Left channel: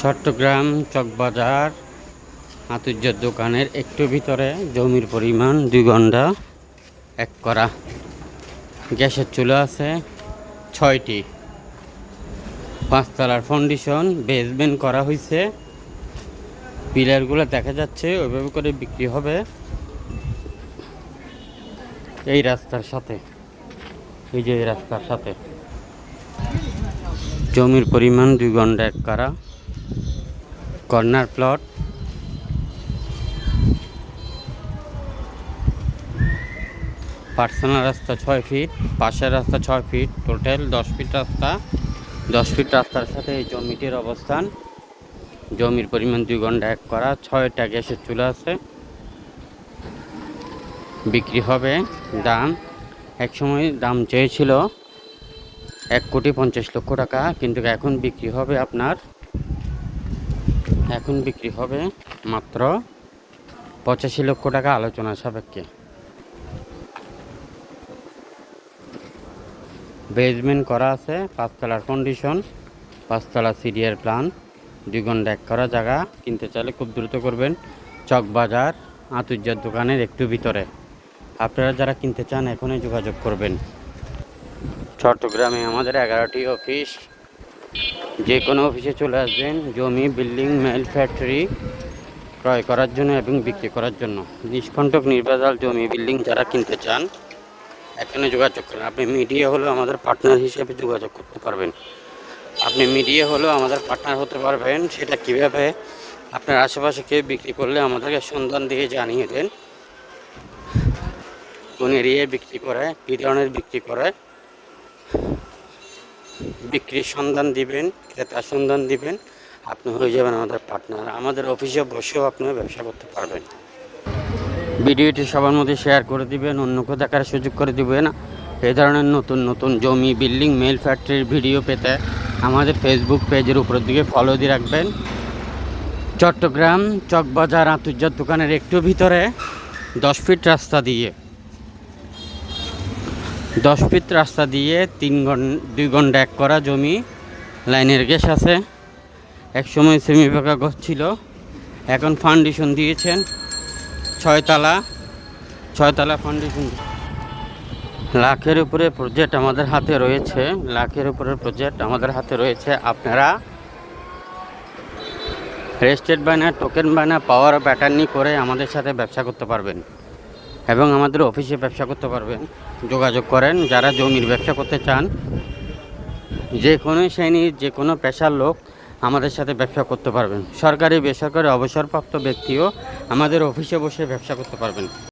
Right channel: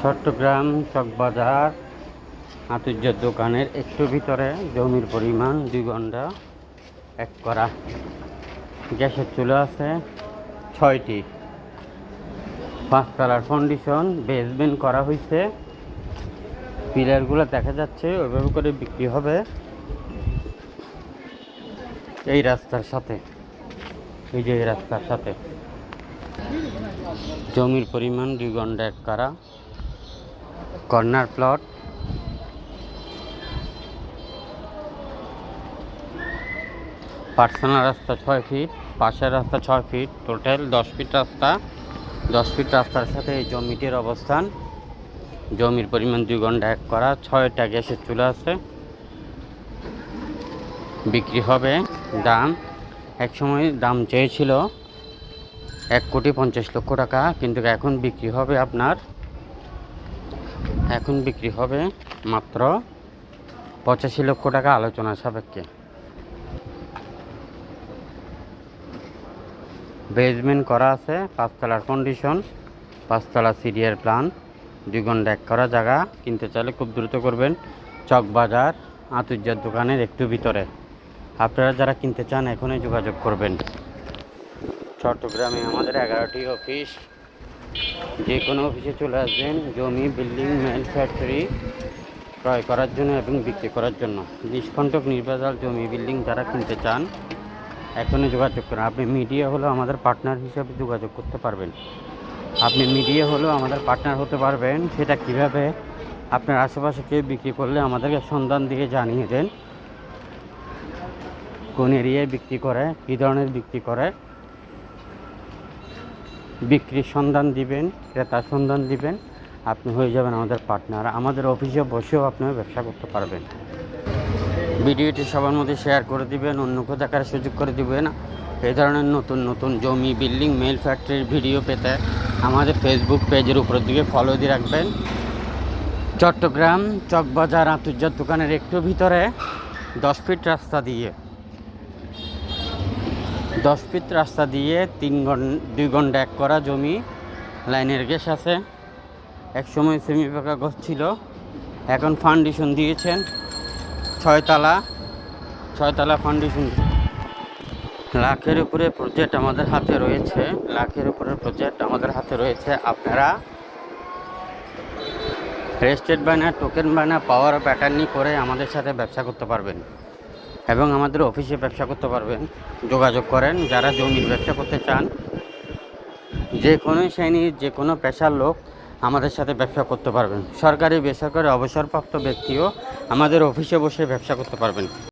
চট্টগ্রাম চকবাজার আতুর্যের দোকানের একটু ভিতরে জমির পরিমাণ দুই ঘণ্টা এক করা। গ্যাসের চুলা আছে ছয়টি। পাঁচতলার ফাউন্ডেশন বেসমেন্ট করা হয়েছে পিলারগুলো দেখা যাচ্ছে, ওইভাবে করে বিক্রি হবে এই রাস্তার সাথে। এই যে এই রাস্তার সাথে। জমির পরিমাণ দুই ঘণ্টা এক কারা। Corner plot. পার্সোনাল রাস্তা ছয় ফিট, পাশের রাস্তা ছয় ফিট, টোটাল দশ ফিট রাস্তা। দশ ফিট রাস্তার সাথে এই জমিটির অবস্থান। জমির পরিমাণ দুই ঘণ্টা এক করা, ছয়টা গ্যাসের চুলা আছে। বিক্রি হবে দাম। এক সময় দাম চেয়েছিল এক কোটি পঞ্চাশ লক্ষ টাকা, কিন্তু এখন বিক্রি হবে আপনার এখন বিক্রি হবে মাত্র পঁচাশি লক্ষ টাকা আলোচনা সাপেক্ষে। বেজমেন্ট করা আছে, পাঁচতলার কন্ডিশন পাঁচতলা সিরিয়ার প্ল্যান ঘণ্টা এক করা জায়গা, কিনতে চাইলে খুব দ্রুত করবেন চকবাজার আতুর্যার দোকানের একটু ভিতরে। আপনারা যারা কিনতে চান, এখনই যোগাযোগ করবেন। চট্টগ্রামে আমাদের এগারোটি অফিস যে কোনো অফিসে চলে আসবেন, জমি, বিল্ডিং, মেল, ফ্যাক্টরি ক্রয় করার জন্য এবং বিক্রি করার জন্য। নিষ্কণ্টক নির্বাচাল জমি, বিল্ডিং যারা কিনতে চান, এখনই যোগাযোগ করুন। আপনি মিডিয়া হলেও আমাদের পার্টনার হিসেবে যোগাযোগ করতে পারবেন। আপনি মিডিয়া হলেও আমাদের পার্টনার হতে পারবেন। সেটা কীভাবে? আপনার আশেপাশে কেউ বিক্রি করলে আমাদেরকে সন্ধান দিয়ে জানিয়ে দেন। কোন এরিয়ায় বিক্রি করে, কী ধরনের বিক্রি করে। বিক্রির সন্ধান দিবেন, ক্রেতার সন্ধান দিবেন, আপনি হয়ে যাবেন আমাদের পার্টনার আমাদের অফিসে বসেও আপনি ব্যবসা করতে পারবেন। ভিডিওটি সবার মধ্যে শেয়ার করে দিবেন অন্যকে দেখার সুযোগ করে দিবেন এ ধরনের নতুন নতুন জমি বিল্ডিং মেল ফ্যাক্টরির ভিডিও পেতে আমাদের ফেসবুক পেজের উপর দিকে ফলো দিয়ে রাখবেন। চট্টগ্রাম চকবাজার আন্তর্জাত দোকানের একটু ভিতরে দশ ফিট রাস্তা দিয়ে দশ ফিট রাস্তা দিয়ে তিন ঘণ্টা দুই ঘণ্টা এক করা জমি, লাইনের গ্যাস আছে। এক সময় সেমি পাকা গছ ছিল। এখন ফাউন্ডেশন দিয়েছেন। ছয়তলা ছয়তলা ফাউন্ডেশন লাখের উপরে প্রজেক্ট আমাদের হাতে রয়েছে। লাখের উপরে প্রজেক্ট আমাদের হাতে রয়েছে। আপনারা রেজিস্টার্ড বায়না টোকেন বায়না পাওয়ার প্যাটার্নি করে আমাদের সাথে ব্যবসা করতে পারবেন। এবং আমাদের অফিসে ব্যবসা করতে পারবেন, যোগাযোগ করেন, যারা জমির ব্যবসা করতে চান। যে কোনো শ্রেণির, যে কোনো পেশার লোক আমাদের সাথে ব্যবসা করতে পারবেন। সরকারি, বেসরকারি অবসরপ্রাপ্ত ব্যক্তিও আমাদের অফিসে বসে ব্যবসা করতে পারবেন।